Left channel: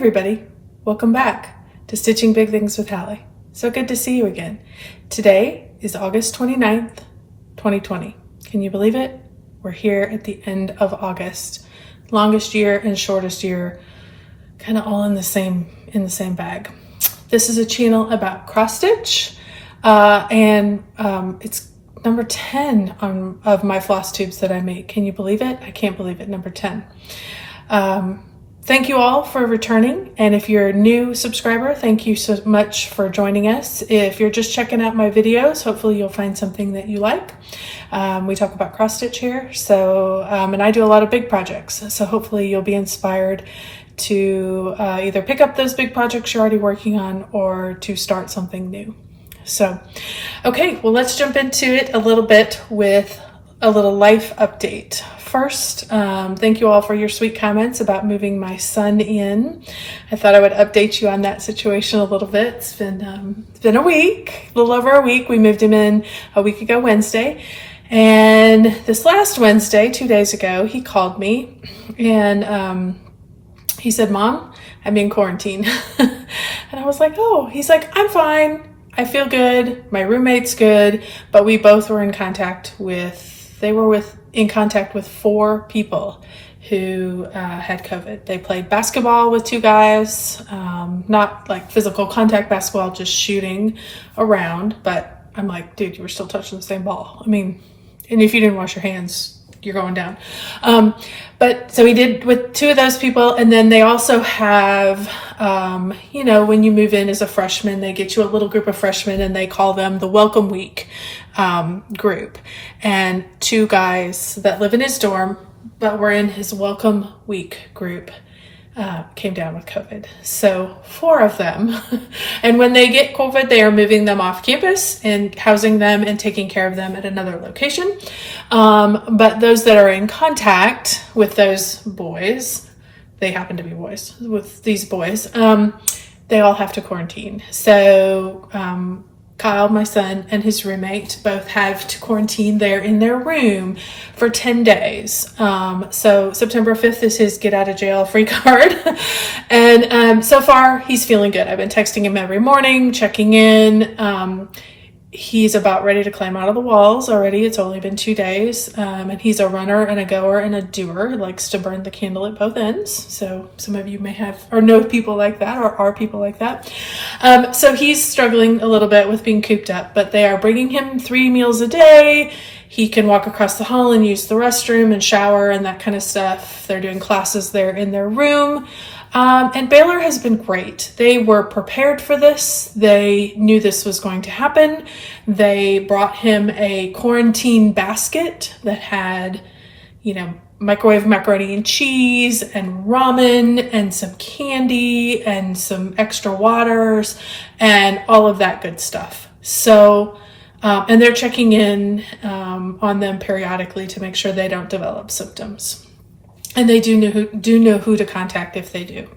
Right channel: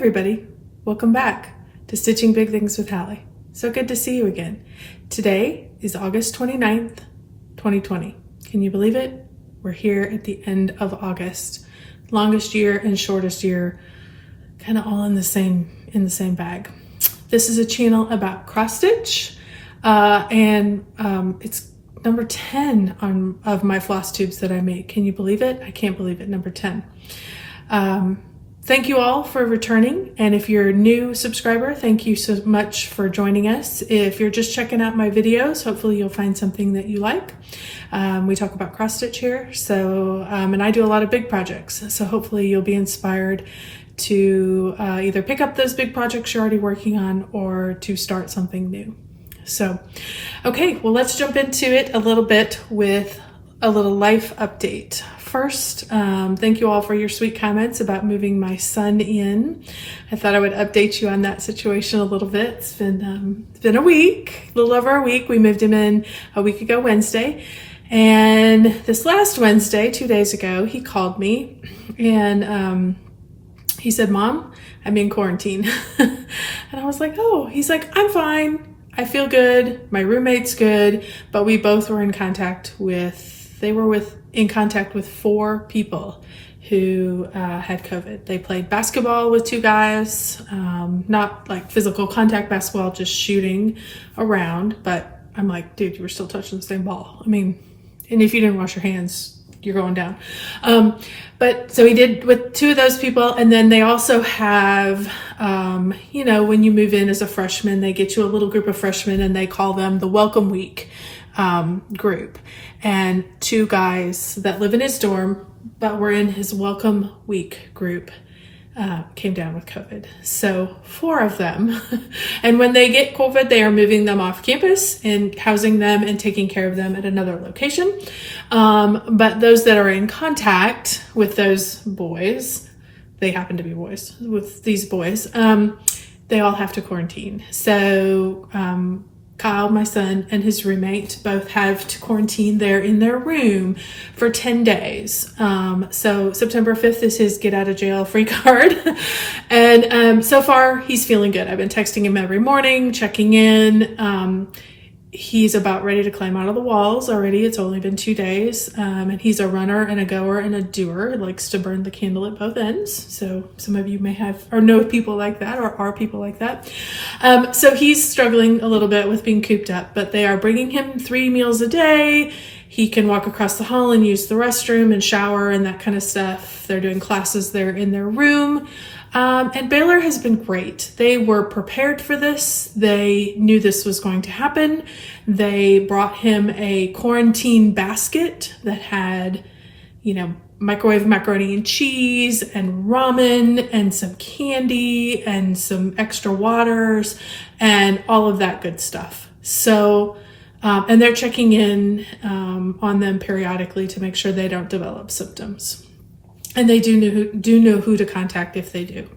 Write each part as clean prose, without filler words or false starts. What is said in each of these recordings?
everybody, welcome back to Stitching Big Things with Hallie. So good to see you again. Today is August 29th, 2020. Can you believe it? We're here at the end of August. Longest year and shortest year, kind of all in the same bag. This is a channel about cross stitch, and it's number 10 of my floss tubes that I make. Can you believe it? I can't believe it, number 10. Thank you all for returning, and if you're a new subscriber, thank you so much for joining us. If you're just checking out my videos, hopefully you'll find something that you like. We talk about cross stitch here, so and I do a lot of big projects, so hopefully you'll be inspired to either pick up those big projects you're already working on or to start something new. So, okay, well, let's jump into it a little bit with a little life update. First, thank you all for your sweet comments about moving my son in. I thought I would update you on that situation a little bit. It's been a week, a little over a week. We moved him in a week ago Wednesday. And this last Wednesday, 2 days ago, he called me and he said, "Mom, I'm in quarantine." And I was like, "Oh," he's like, "I'm fine. I feel good. My roommate's good." But we both were in contact with in contact with 4 people who had COVID. They played basketball with 2 guys, not like physical contact basketball, just shooting around. But I'm like, dude, you were still touching the same ball. I mean, and if you didn't wash your hands, you're going down. But so we did with 2 of those people. And then they also have, when you move in as a freshman, they get you a little group of freshmen and they call them the Welcome Week group. And 2 guys that live in his dorm, but were in his Welcome Week group, came down with COVID. So 4 of them. And when they get COVID, they are moving them off campus and housing them and taking care of them at another location. But those that are in contact with those boys, they happen to be boys, with these boys, they all have to quarantine. So Kyle, my son, and his roommate both have to quarantine there in their room for 10 days. So September 5th is his get out of jail free card. And so far he's feeling good. I've been texting him every morning, checking in. He's about ready to climb out of the walls already. It's only been 2 days. And he's a runner and a goer and a doer. He likes to burn the candle at both ends. So some of you may have or know people like that or are people like that. So he's struggling a little bit with being cooped up, but they are bringing him 3 meals a day. He can walk across the hall and use the restroom and shower and that kind of stuff. They're doing classes there in their room. And Baylor has been great. They were prepared for this. They knew this was going to happen. They brought him a quarantine basket that had, microwave macaroni and cheese and ramen and some candy and some extra waters and all of that good stuff. So, and they're checking in on them periodically to make sure they don't develop symptoms. And they do know who to contact if they do.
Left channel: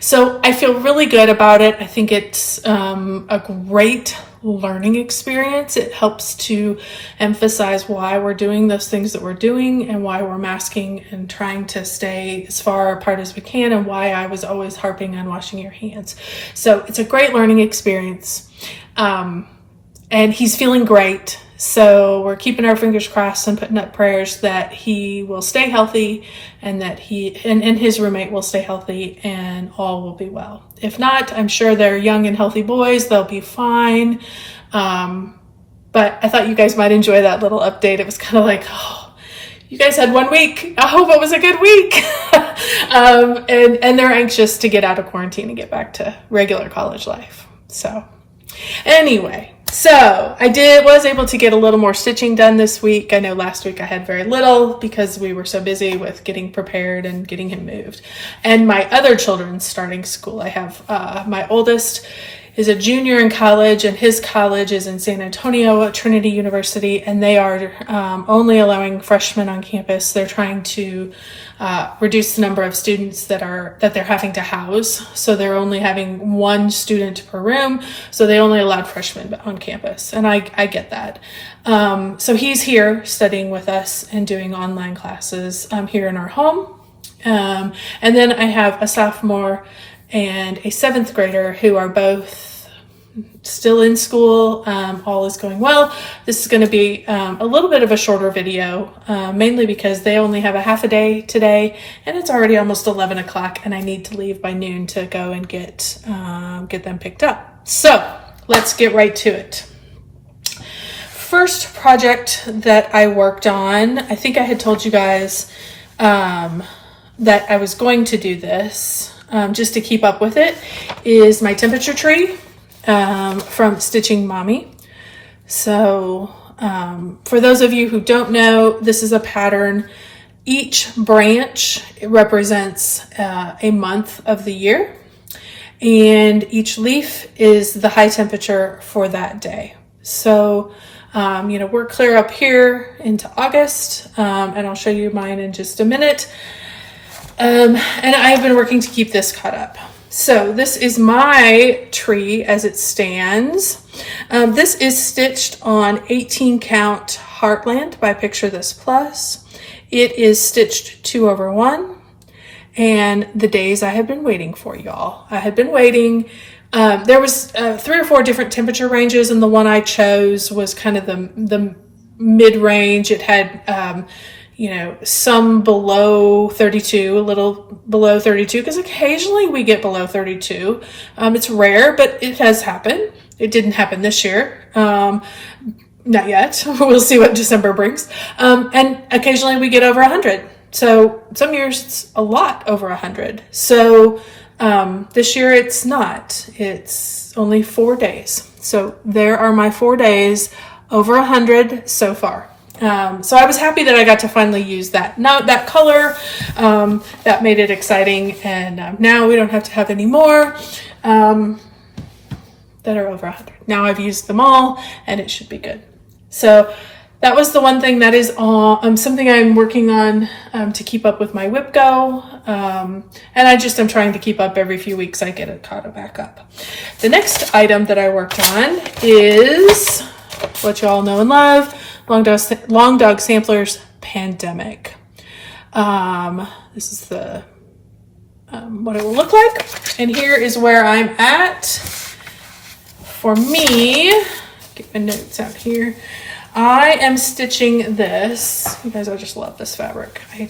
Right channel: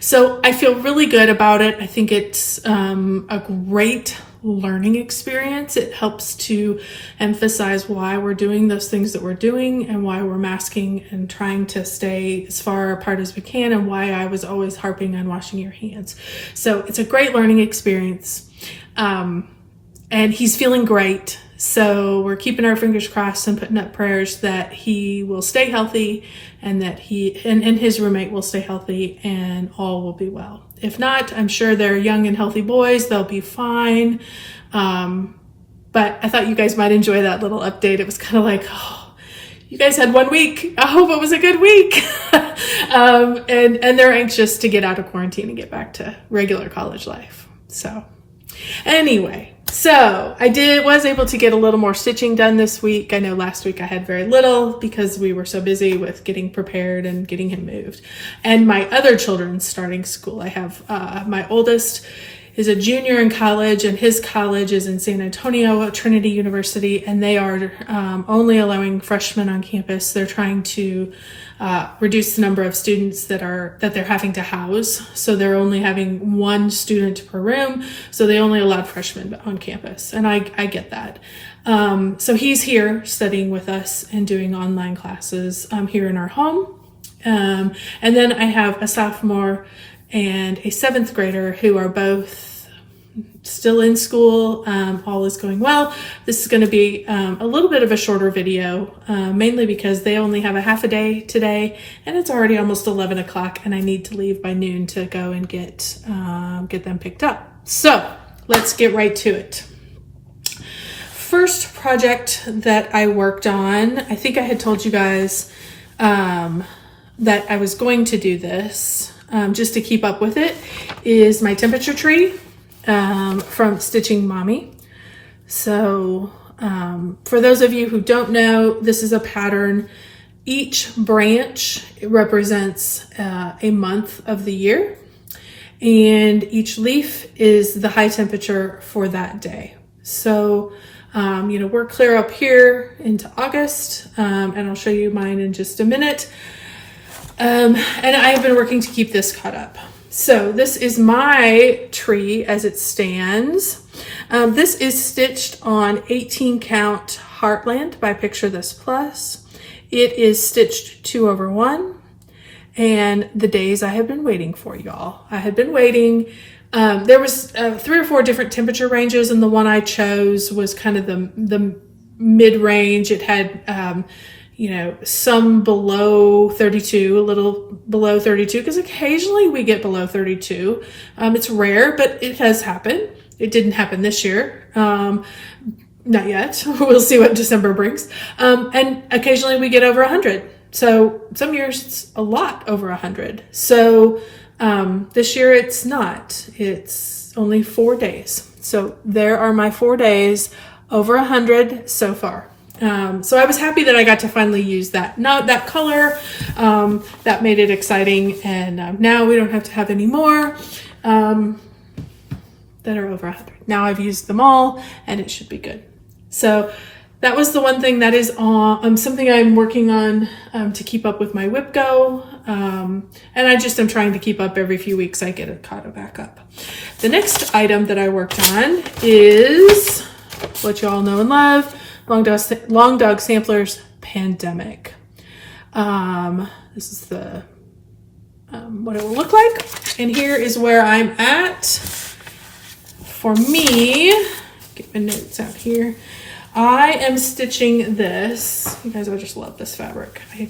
So I feel really good about it. I think it's a great learning experience. It helps to emphasize why we're doing those things that we're doing and why we're masking and trying to stay as far apart as we can, and why I was always harping on washing your hands. So it's a great learning experience. And he's feeling great. So we're keeping our fingers crossed and putting up prayers that he will stay healthy and that he and his roommate will stay healthy and all will be well. If not, I'm sure they're young and healthy boys. They'll be fine. But I thought you guys might enjoy that little update. It was kind of like, oh, you guys had 1 week. I hope it was a good week. And they're anxious to get out of quarantine and get back to regular college life. So anyway. So I was able to get a little more stitching done this week. I know last week I had very little because we were so busy with getting prepared and getting him moved. And my other children starting school. I have my oldest is a junior in college, and his college is in San Antonio at Trinity University, and they are only allowing freshmen on campus. They're trying to reduce the number of students that they're having to house. So they're only having 1 student per room. So they only allowed freshmen on campus. And I get that. So he's here studying with us and doing online classes here in our home. And then I have a sophomore and a 7th grader who are both still in school. All is going well. This is going to be a little bit of a shorter video, mainly because they only have a half a day today, and it's already almost 11 o'clock, and I need to leave by noon to go and get them picked up. So let's get right to it. First project that I worked on, I think I had told you guys that I was going to do this just to keep up with it, is my temperature tree from Stitchin Mommy. So for those of you who don't know, this is a pattern. Each branch represents a month of the year, and each leaf is the high temperature for that day. So we're clear up here into August, and I'll show you mine in just a minute. And I have been working to keep this caught up. So this is my tree as it stands. This is stitched on 18 count Heartland by Picture This Plus. It is stitched 2/1, and the days I have been waiting for, y'all. I had been waiting. There was 3 or 4 different temperature ranges, and the one I chose was kind of the mid-range. It had some below 32, a little below 32, because occasionally we get below 32. It's rare, but it has happened. It didn't happen this year. Not yet. We'll see what December brings. And occasionally we get over 100. So some years it's a lot over 100. So this year it's not. It's only 4 days. So there are my 4 days over 100 so far. So I was happy that I got to finally use that color. That made it exciting, and now we don't have to have any more that are over 100. Now I've used them all, and it should be good. So that was the one thing that is something I'm working on to keep up with my whip go, and I'm trying to keep up. Every few weeks I get it caught back up. The next item that I worked on is what you all know and love, Long Dog Samplers Pandemic. This is the what it will look like, and here is where I'm at. For me, get my notes out here. I am stitching this. You guys, I just love this fabric. I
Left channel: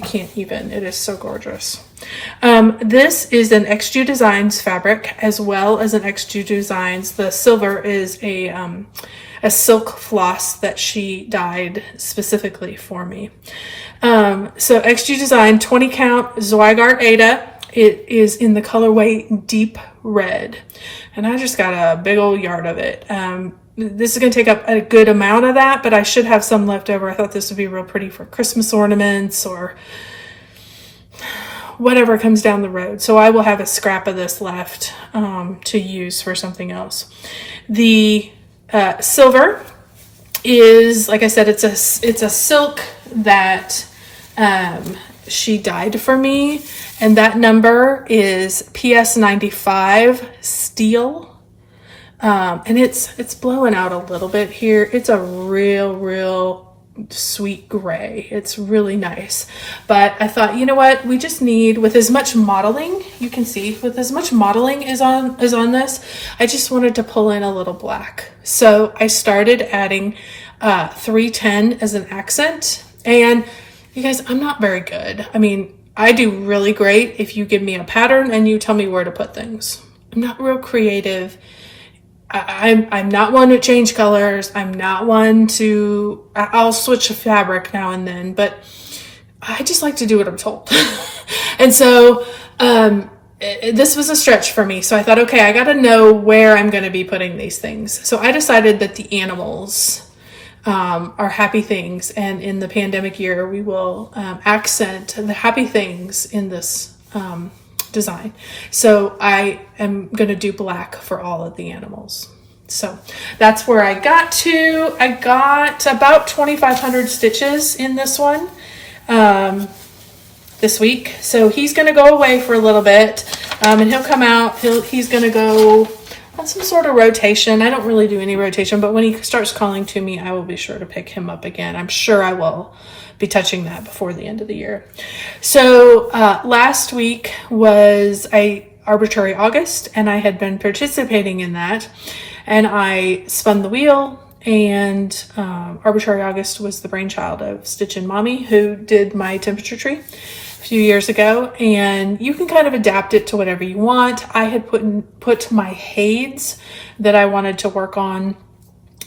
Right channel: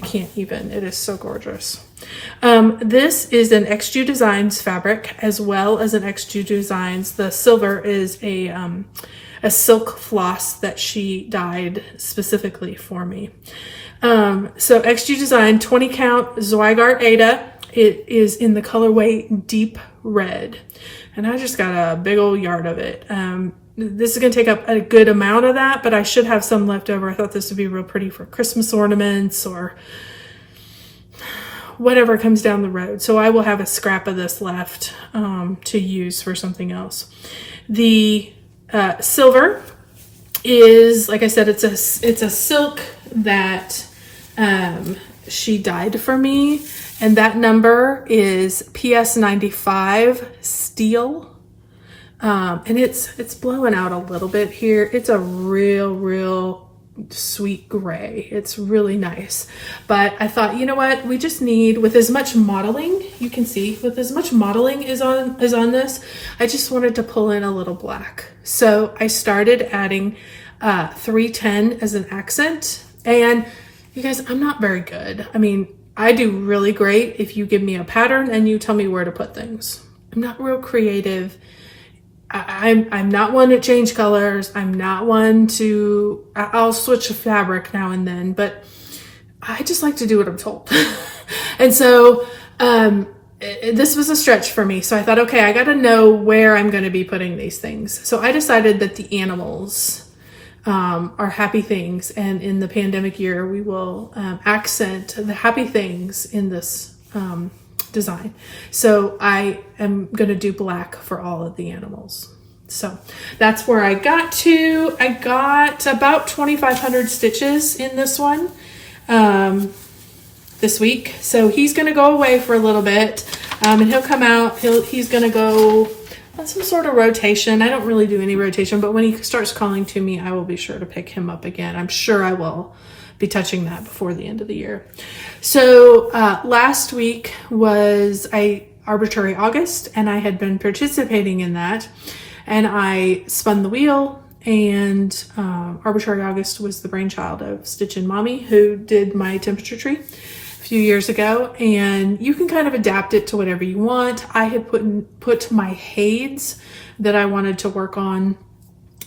can't even. It is so gorgeous. This is an XG Designs fabric, as well as an XG Designs. The silver is a silk floss that she dyed specifically for me. So XG Design 20 count Zweigart Ada. It is in the colorway Deep Red, and I just got a big old yard of it. This is going to take up a good amount of that, but I should have some left over. I thought this would be real pretty for Christmas ornaments or whatever comes down the road. So I will have a scrap of this left to use for something else. The silver is, like I said, it's a silk that she dyed for me, and that number is PS 95 steel. And it's blowing out a little bit here. It's a real sweet gray. It's really nice. But I thought, you know what? We just need, with as much modeling, you can see, with as much modeling is on this, I just wanted to pull in a little black. So I started adding 310 as an accent. And you guys, I'm not very good. I mean, I do really great if you give me a pattern and you tell me where to put things. I'm not real creative. I'm not one to change colors. I'm not one to, I'll switch a fabric now and then, but I just like to do what I'm told. And so this was a stretch for me. So I thought, okay, I got to know where I'm going to be putting these things. So I decided that the animals are happy things. And in the pandemic year, we will accent the happy things in this design. So I am going to do black for all of the animals. So that's where I got to. I got about 2,500 stitches in this one this week. So he's going to go away for a little bit and he'll come out. He's going to go on some sort of rotation. I don't really do any rotation, but when he starts calling to me, I will be sure to pick him up again. I'm sure I will be touching that before the end of the year. So last week was, I Arbitrary August, and I had been participating in that, and I spun the wheel. And Arbitrary August was the brainchild of Stitchin Mommy, who did my temperature tree a few years ago, and you can kind of adapt it to whatever you want. I had put my heids that I wanted to work on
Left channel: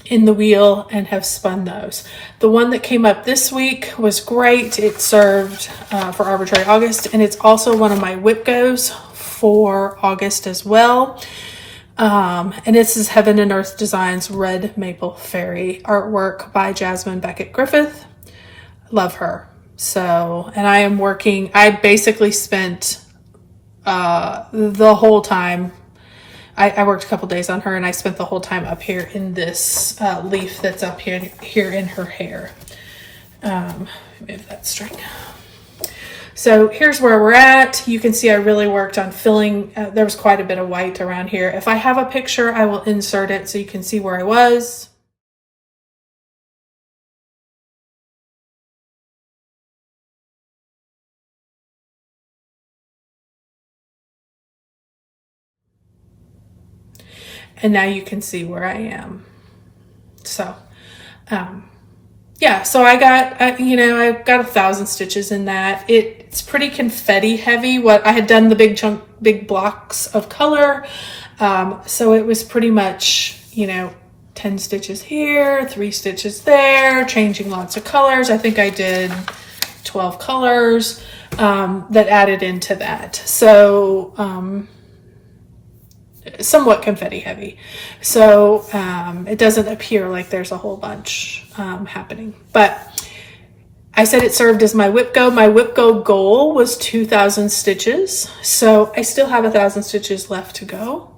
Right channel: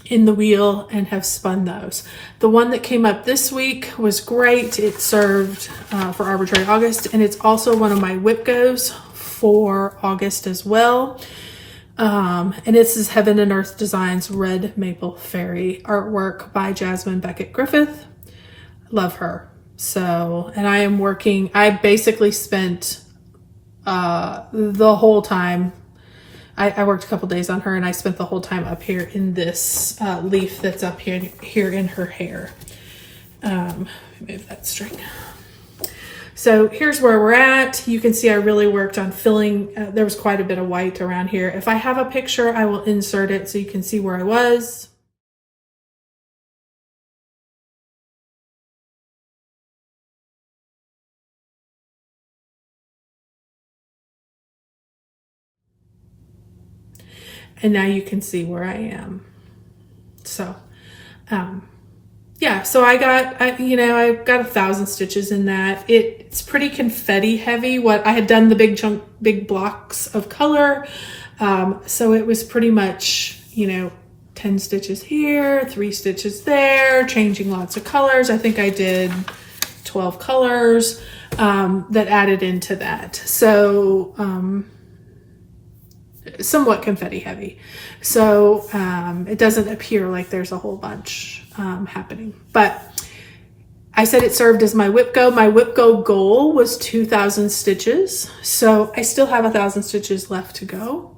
in the wheel and have spun those. The one that came up this week was great. It served for Arbitrary August, and it's also one of my whip goes for August as well. And this is Heaven and Earth Designs Red Maple Fairy artwork by Jasmine Beckett Griffith. Love her. So, and I basically spent the whole time. I worked a couple days on her, and I spent the whole time up here in this leaf that's up here in her hair. Move that string. So here's where we're at. You can see I really worked on filling. There was quite a bit of white around here. If I have a picture, I will insert it so you can see where I was. And now you can see where I am. So, yeah, so I got 1,000 stitches in that. It's pretty confetti heavy. I had done the big blocks of color. So it was pretty much, 10 stitches here, 3 stitches there, changing lots of colors. I think I did 12 colors, that added into that. So, somewhat confetti heavy. So it doesn't appear like there's a whole bunch happening. But I said it served as my whip go. My whip go goal was 2,000 stitches. So I still have 1,000 stitches left to go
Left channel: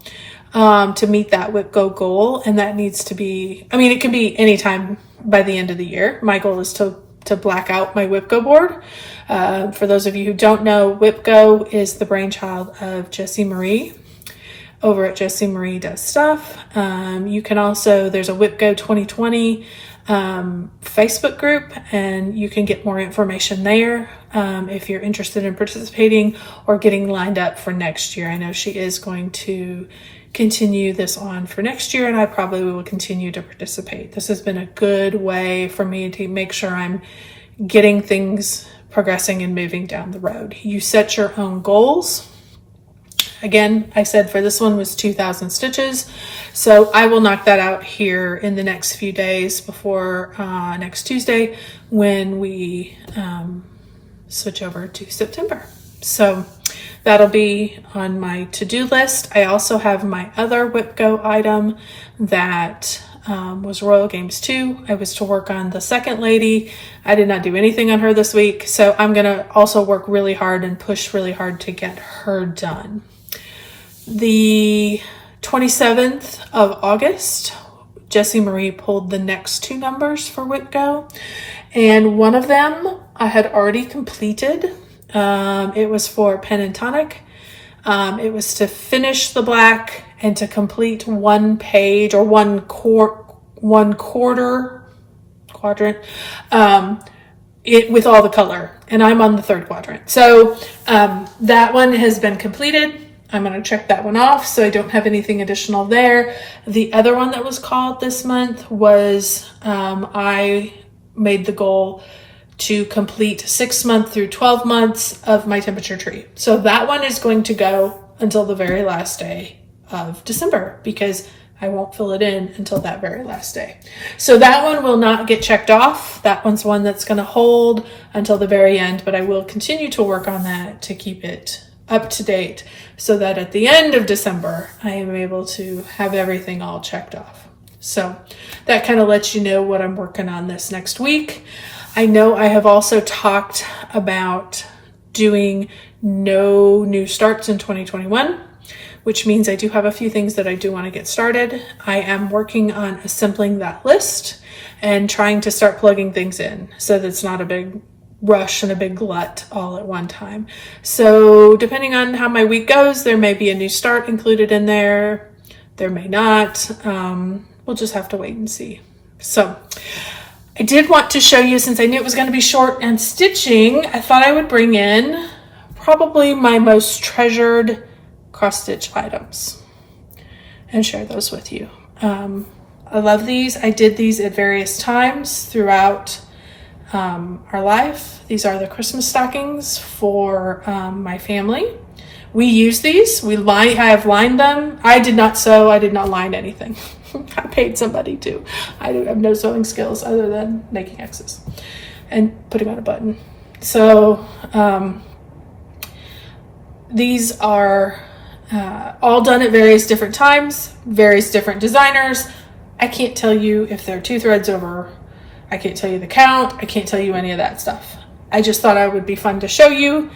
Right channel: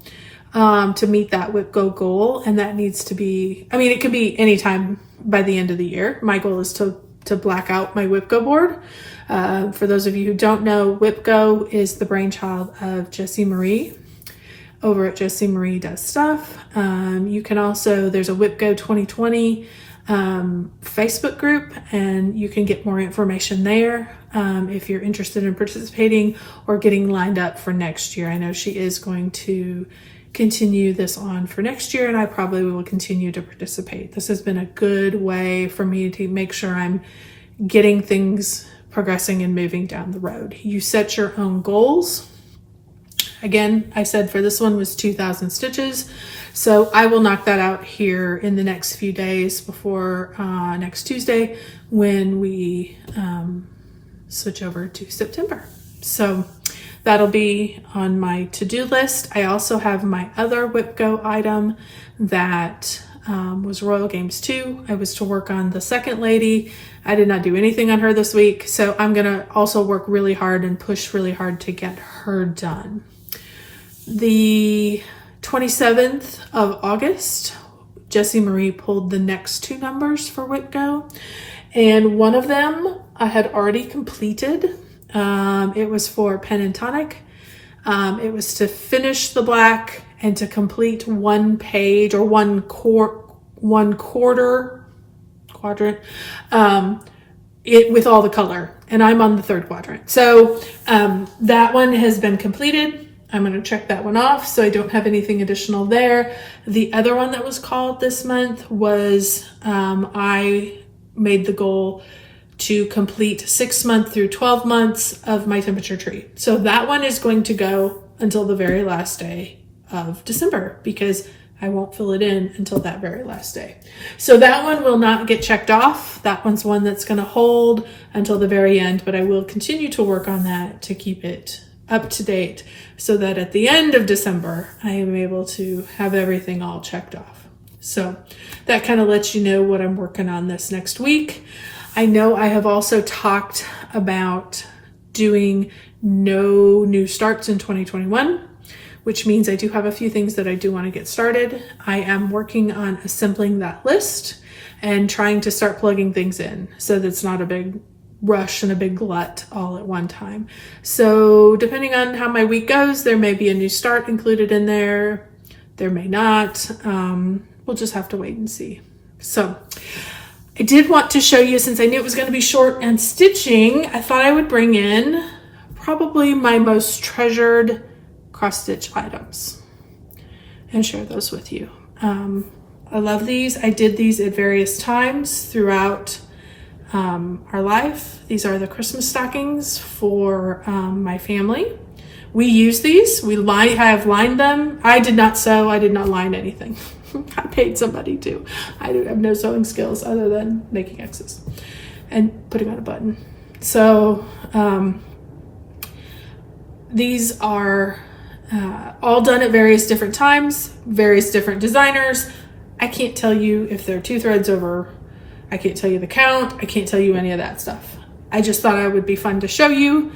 to meet that whip go goal. And that needs to be, it can be anytime by the end of the year. My goal is to black out my whip go board. For those of you who don't know, whip go is the brainchild of Jessie Marie over at Jessie Marie Does Stuff. You can also, there's a Whip Go 2020 Facebook group, and you can get more information there if you're interested in participating or getting lined up for next year. I know she is going to continue this on for next year, and I probably will continue to participate. This has been a good way for me to make sure I'm getting things progressing and moving down the road. You set your own goals. Again, I said for this one was 2,000 stitches. So I will knock that out here in the next few days before next Tuesday when we switch over to September. So that'll be on my to-do list. I also have my other Whip Go item that was Royal Games 2. I was to work on the second lady. I did not do anything on her this week. So I'm going to also work really hard and push really hard to get her done. The 27th of August, Jessie Marie pulled the next 2 numbers for Whip Go, and one of them I had already completed. It was for Pen and Tonic. It was to finish the black and to complete one page or one quarter quadrant with all the color, and I'm on the 3rd quadrant. So that one has been completed. I'm going to check that one off, so I don't have anything additional there. The other one that was called this month was I made the goal to complete 6 months through 12 months of my temperature tree. So that one is going to go until the very last day of December because I won't fill it in until that very last day. So that one will not get checked off. That one's one that's going to hold until the very end, but I will continue to work on that to keep it up to date so that at the end of December, I am able to have everything all checked off. So that kind of lets you know what I'm working on this next week. I know I have also talked about doing no new starts in 2021, which means I do have a few things that I do want to get started. I am working on assembling that list and trying to start plugging things in so that it's not a big rush and a big glut all at one time. So depending on how my week goes, there may be a new start included in there. There may not. We'll just have to wait and see. So I did want to show you, since I knew it was going to be short and stitching, I thought I would bring in probably my most treasured cross stitch items and share those with you. I love these. I did these at various times throughout our life. These are the Christmas stockings for my family. We use these. I have lined them. I did not sew. I did not line anything. I paid somebody to. I have no sewing skills other than making X's and putting on a button. So these are all done at various different times, various different designers. I can't tell you if they're 2 threads over. I can't tell you the count. I can't tell you any of that stuff. I just thought it would be fun to show you.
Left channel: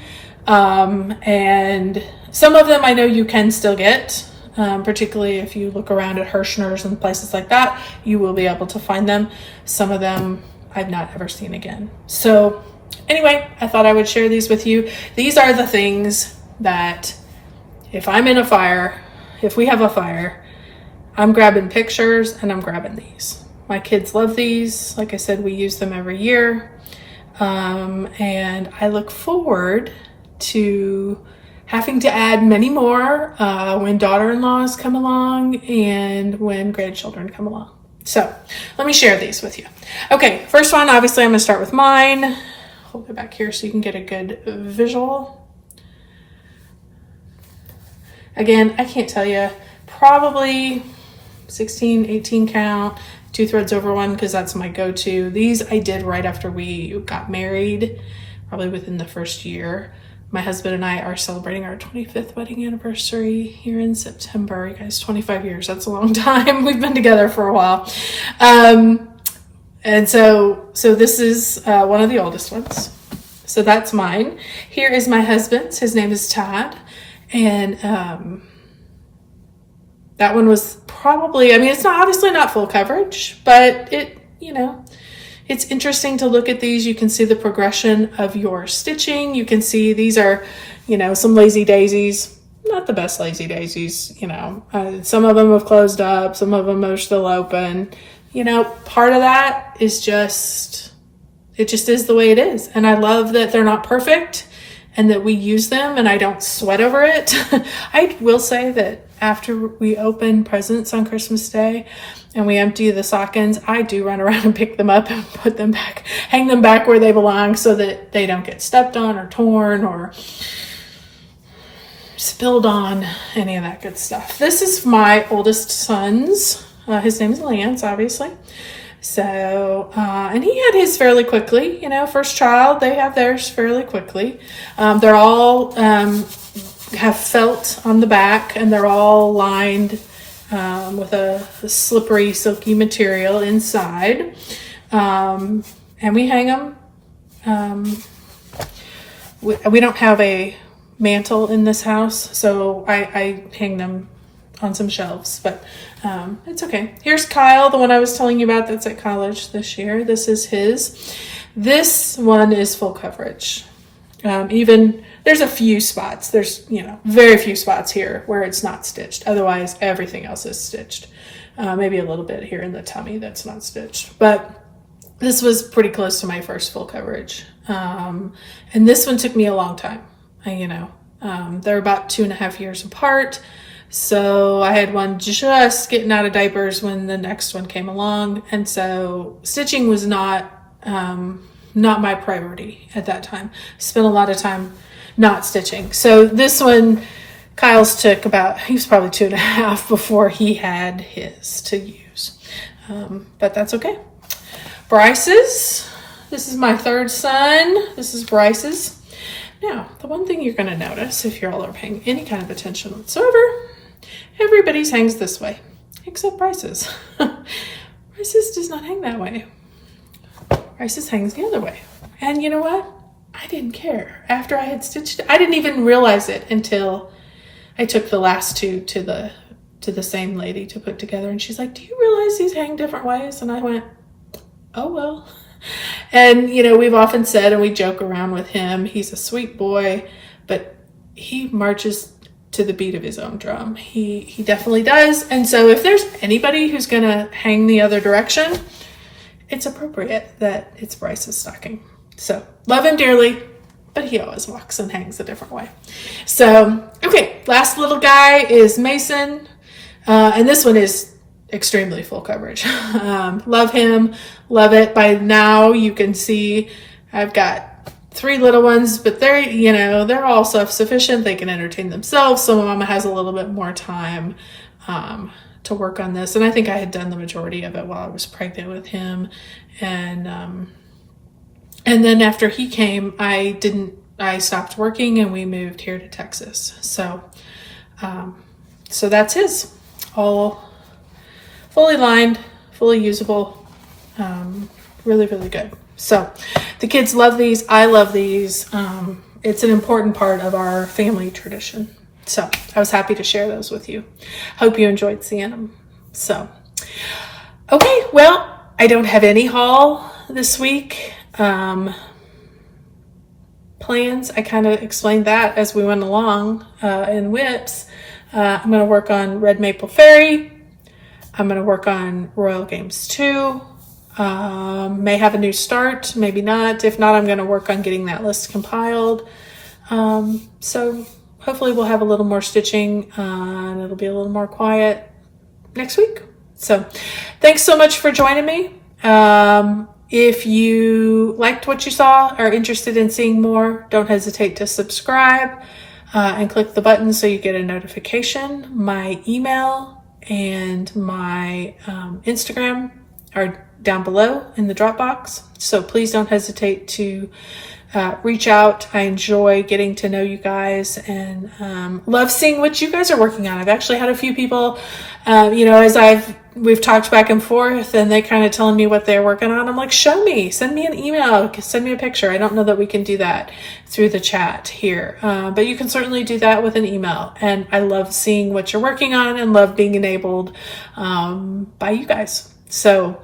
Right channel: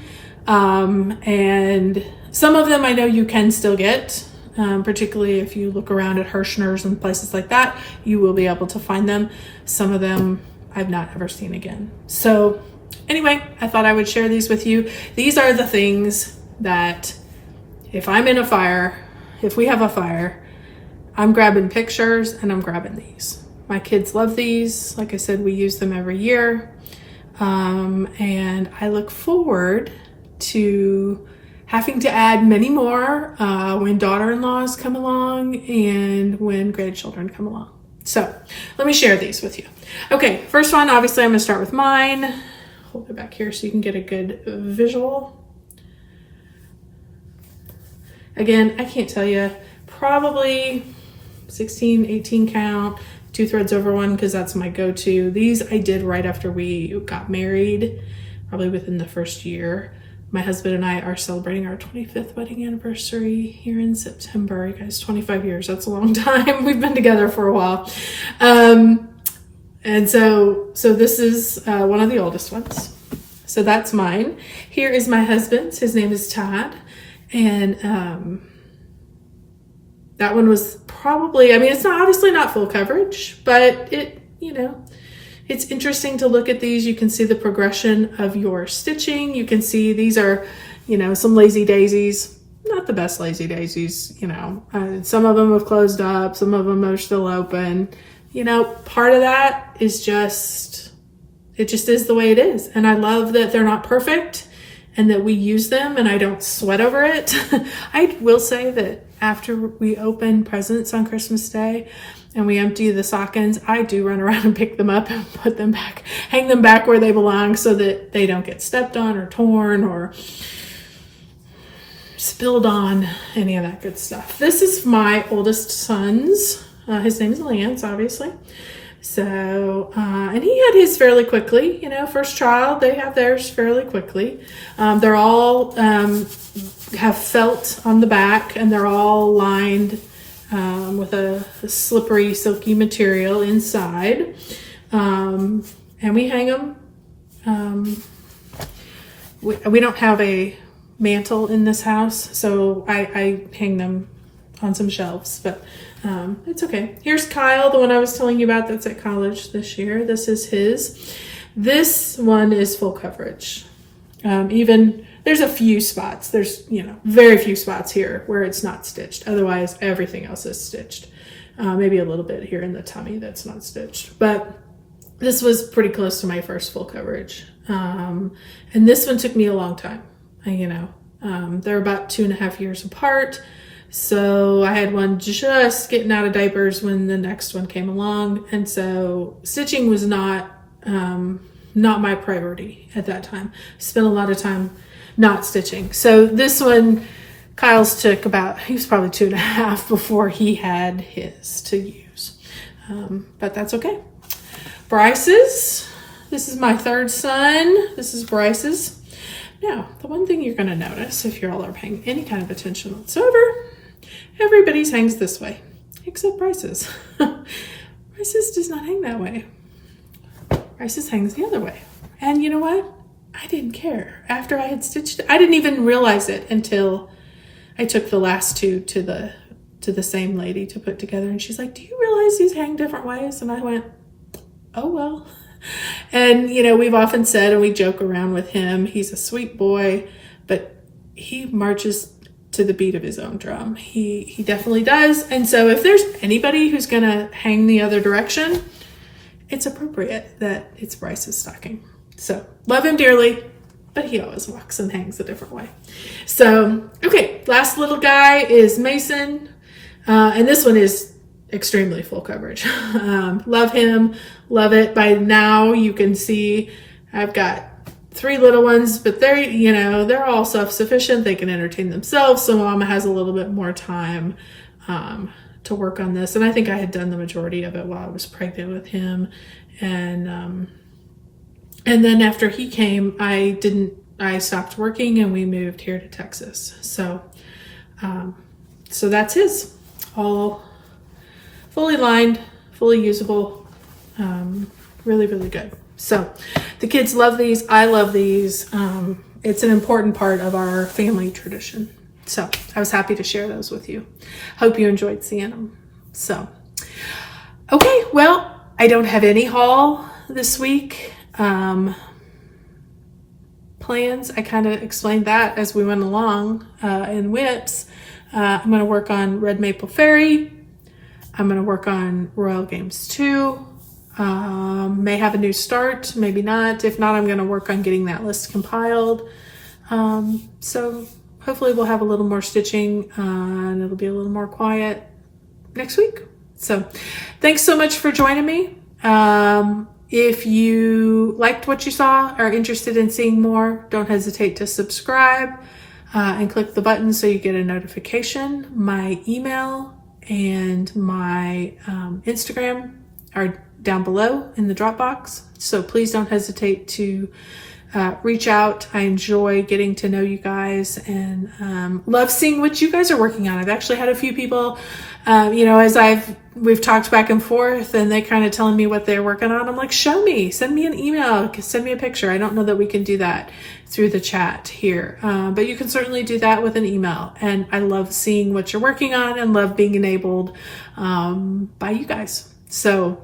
And some of them I know you can still get, particularly if you look around at Hirschner's and places like that, you will be able to find them. Some of them I've not ever seen again. So anyway, I thought I would share these with you. These are the things that if I'm in a fire, if we have a fire, I'm grabbing pictures and I'm grabbing these. My kids love these. Like I said, we use them every year. And I look forward to having to add many more when daughter-in-laws come along and when grandchildren come along. So let me share these with you. Okay, first one, obviously I'm gonna start with mine. Hold it back here so you can get a good visual. Again, I can't tell you, probably 16, 18 count, 2 threads over one, because that's my go-to. These I did right after we got married, probably within the first year. My husband and I are celebrating our 25th wedding anniversary here in September. You guys, 25 years, that's a long time. We've been together for a while. And so this is one of the oldest ones. So that's mine. Here is my husband's. His name is Todd. And that one was probably, I mean, it's not obviously not full coverage, but it's interesting to look at these. You can see the progression of your stitching. You can see these are, some lazy daisies, not the best lazy daisies, some of them have closed up, some of them are still open. Part of that is it just is the way it is. And I love that they're not perfect and that we use them and I don't sweat over it. I will say that after we open presents on Christmas Day and we empty the stockings, I do run around and pick them up and put them back, hang them back where they belong so that they don't get stepped on or torn or spilled on, any of that good stuff. This is my oldest son's. His name is Lance, obviously. So, and he had his fairly quickly, first child, they have theirs fairly quickly. They're all have felt on the back and they're all lined with a slippery, silky material inside. And we hang them. We don't have a mantle in this house, so I hang them on some shelves, but it's okay. Here's Kyle, the one I was telling you about that's at college this year. This is his. This one is full coverage. Even there's a few spots. There's, very few spots here where it's not stitched. Otherwise, everything else is stitched. Maybe a little bit here in the tummy that's not stitched. But this was pretty close to my first full coverage. And this one took me a long time. They're about 2.5 years apart. So I had one just getting out of diapers when the next one came along. And so stitching was not my priority at that time. I spent a lot of time not stitching. So this one, Kyle's took he was probably 2.5 before he had his to use. But that's okay. Bryce's, this is my third son. This is Bryce's. Now, the one thing you're going to notice if you all are paying any kind of attention whatsoever, everybody's hangs this way, except Bryce's. Bryce's does not hang that way. Bryce's hangs the other way. And you know what? I didn't care. After I had stitched it, I didn't even realize it until I took the last two to the same lady to put together. And she's like, do you realize these hang different ways? And I went, oh, well. And, we've often said, and we joke around with him, he's a sweet boy, but he marches to the beat of his own drum. He definitely does. And so if there's anybody who's going to hang the other direction, it's appropriate that it's Bryce's stocking. So love him dearly, but he always walks and hangs a different way. So, okay, last little guy is Mason. And this one is extremely full coverage. Love him, love it. By now you can see I've got 3 little ones, but they're all self-sufficient. They can entertain themselves. So Mama has a little bit more time to work on this. And I think I had done the majority of it while I was pregnant with him. And then after he came, I stopped working and we moved here to Texas. So that's his, all fully lined, fully usable, really, really good. So the kids love these. I love these. It's an important part of our family tradition. So I was happy to share those with you. Hope you enjoyed seeing them. So, okay, well, I don't have any haul this week. Plans, I kind of explained that as we went along in WIPs. I'm going to work on Red Maple Fairy. I'm going to work on Royal Games 2. May have a new start, maybe not. If not, I'm going to work on getting that list compiled. So hopefully we'll have a little more stitching and it'll be a little more quiet next week. So thanks so much for joining me. If you liked what you saw, or interested in seeing more, don't hesitate to subscribe and click the button so you get a notification. My email and my Instagram are down below in the Dropbox, so please don't hesitate to reach out. I enjoy getting to know you guys and love seeing what you guys are working on. I've actually had a few people, as we've talked back and forth, and they kind of telling me what they're working on. I'm like, show me, send me an email, send me a picture. I don't know that we can do that through the chat here, but you can certainly do that with an email. And I love seeing what you're working on and love being enabled by you guys. So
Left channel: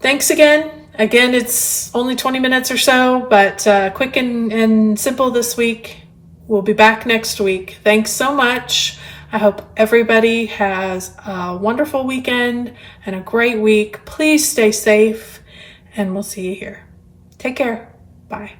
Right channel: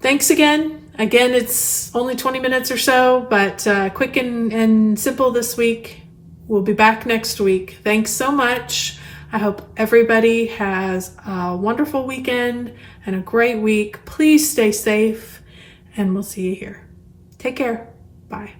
thanks again. Again, it's only 20 minutes or so, but quick and simple this week. We'll be back next week. Thanks so much. I hope everybody has a wonderful weekend and a great week. Please stay safe, and we'll see you here. Take care. Bye.